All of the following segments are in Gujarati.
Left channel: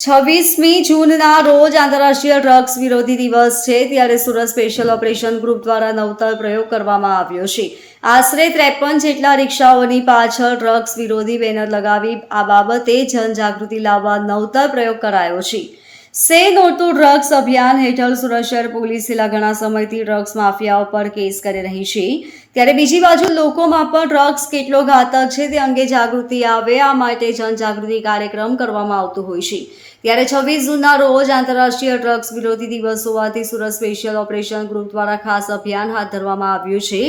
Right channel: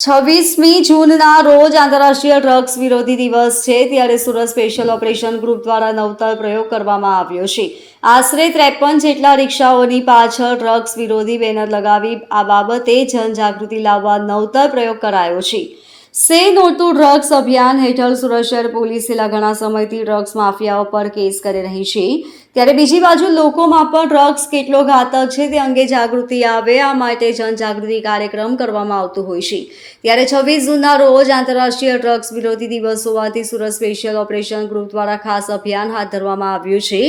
26મી જૂનના રોજ આંતરરાષ્ટ્રીય ડ્રગ્સ વિરોધી દિવસ છે, ત્યારે સુરત સ્પેશિયલ ઓપરેશન ગ્રુપ દ્વારા નવતર પ્રયોગ કરવામાં આવ્યો છે। આશરે 53 જેટલા રિક્ષાઓની પાછળ ડ્રગ્સ વિરોધી બેનર લગાવી આ બાબતે જનજાગૃતિ લાવવા નવતર પ્રયોગ કરાયો છે। સે નો ટુ ડ્રગ્સ અભિયાન હેઠળ સુરત શહેર પોલીસ છેલ્લા ઘણા સમયથી ડ્રગ્સ માફિયાઓ પર કેસ કરી રહી છે, ત્યારે બીજી બાજુ લોકોમાં પણ ડ્રગ્સ કેટલો ઘાતક છે તે અંગે જાગૃતિ આવે, આ માટે જનજાગૃતિ કાર્યક્રમ કરવામાં આવતો હોય છે। ત્યારે 26 જૂનના રોજ આંતરરાષ્ટ્રીય ડ્રગ્સ વિરોધી દિવસ હોવાથી સુરત સ્પેશિયલ ઓપરેશન ગ્રુપ દ્વારા ખાસ અભિયાન હાથ ધરવામાં આવ્યું છે।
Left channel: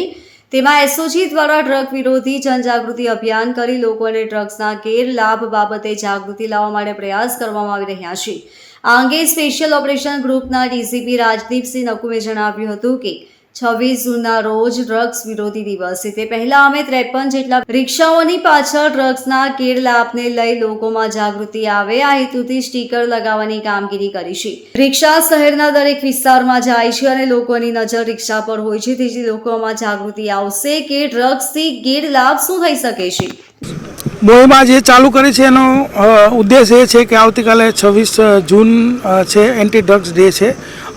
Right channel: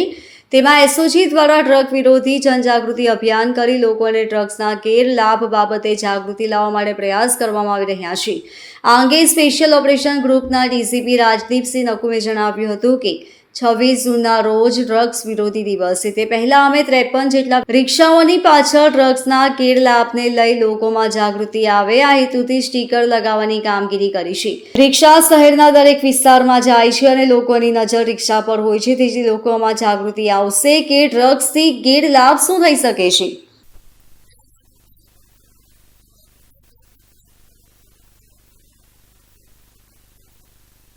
તેમાં એસઓજી દ્વારા ડ્રગ વિરોધી જનજાગૃતિ અભિયાન કરી લોકોને ડ્રગ્સના ગેરલાભ બાબતે જાગૃતિ લાવવા માટે પ્રયાસ કરવામાં આવી રહ્યા છે। આ અંગે સ્પેશિયલ ઓપરેશન ગ્રુપના ડીસીપી રાજદીપસિંહ નકુમે જણાવ્યું હતું કે 26 જૂનના રોજ ડ્રગ્સ વિરોધી દિવસ છે, તે પહેલા અમે 53 જેટલા રિક્ષાઓની પાછળ ડ્રગ્સના ગેરલાભને લઈ લોકોમાં જાગૃતિ આવે આ હેતુથી સ્ટીકર લગાવવાની કામગીરી કરી છે। રિક્ષા શહેરના દરેક વિસ્તારમાં જાય છે અને લોકોની નજર રિક્ષા પર હોય છે, તેથી લોકોમાં જાગૃતિ આવશે કે ડ્રગ્સથી ગેરલાભ શું થઈ શકે છે। મોહિમ જે ચાલુ કરી છે એનો ઉદ્દેશ એ છે કે આવતીકાલે 26 જૂન છે, એન્ટી ડ્રગ્સ ડે છે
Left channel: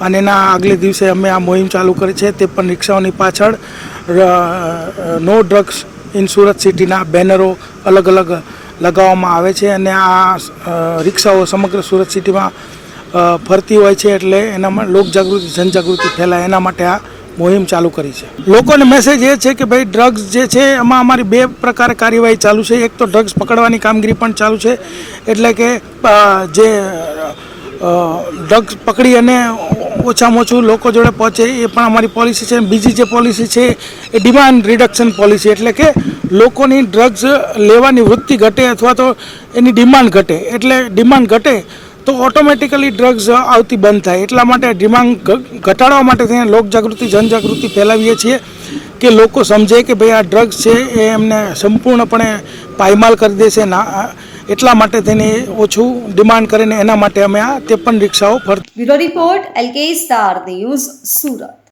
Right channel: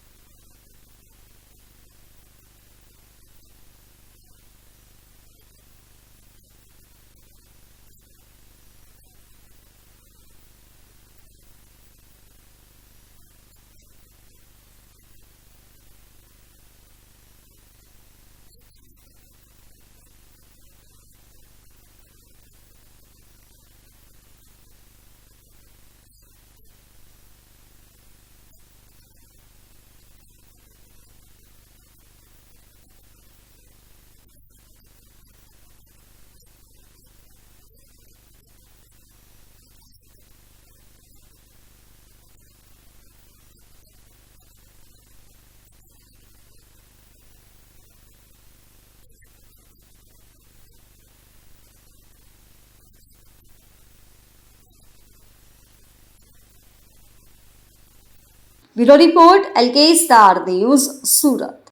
અને એના આગલે દિવસે અમે આ મોહિમ ચાલુ કરી છે। તે પણ રિક્ષાઓની પાછળ નો ડ્રગ્સ ઇન સુરત સિટીના બેનરો અલગ અલગ લગાવવામાં આવે છે અને આ રિક્ષાઓ સમગ્ર સુરત સિટીમાં ફરતી હોય છે, એટલે એનામાં લોકજાગૃતિ જનજાગૃતિ ફેલાય એના માટે આ મોહિમ ચાલુ કરી છે। લોકોને મેસેજ એ છે કે ભાઈ ડ્રગ્સ જે છે એમાં અમારી બે પ્રકારે કાર્યવાહી ચાલુ છે। એક તો ડ્રગ્સ પકડવાની કામગીરી પણ ચાલુ છે, એટલે કે જે ડ્રગ્સ પકડી અને ઓછામાં ઓછું લોકો જોડે પહોંચે એ પણ અમારી પોલિસી છે। બીજી જે પોલિસી છે એ ડિમાન્ડ રિડક્શન પોલિસી, એટલે કે લોકોની ડ્રગ્સ લેવાની વૃત્તિ ઘટે અથવા તો એની ડિમાન્ડ ઘટે, એટલે ડિમાન્ડ ઘટે તો ઓટોમેટિકલી ડ્રગ્સ આવતી બંધ થાય। એટલા માટે ડિમાન્ડ ઘટાડવા માટે થઈને લોકજાગૃતિ જનજાગૃતિ ફેલાવીએ છીએ કે લોકો સમજે કે ભાઈ આ ડ્રગ્સ છે એ એમને સંપૂર્ણપણે પાયમાલ કરી દેશે ના, એટલા માટે થઈને ઓછું ડિમાન્ડ કરીને એના માટે અમે આ 53 રિક્ષાઓ bureau report LK star news Surat.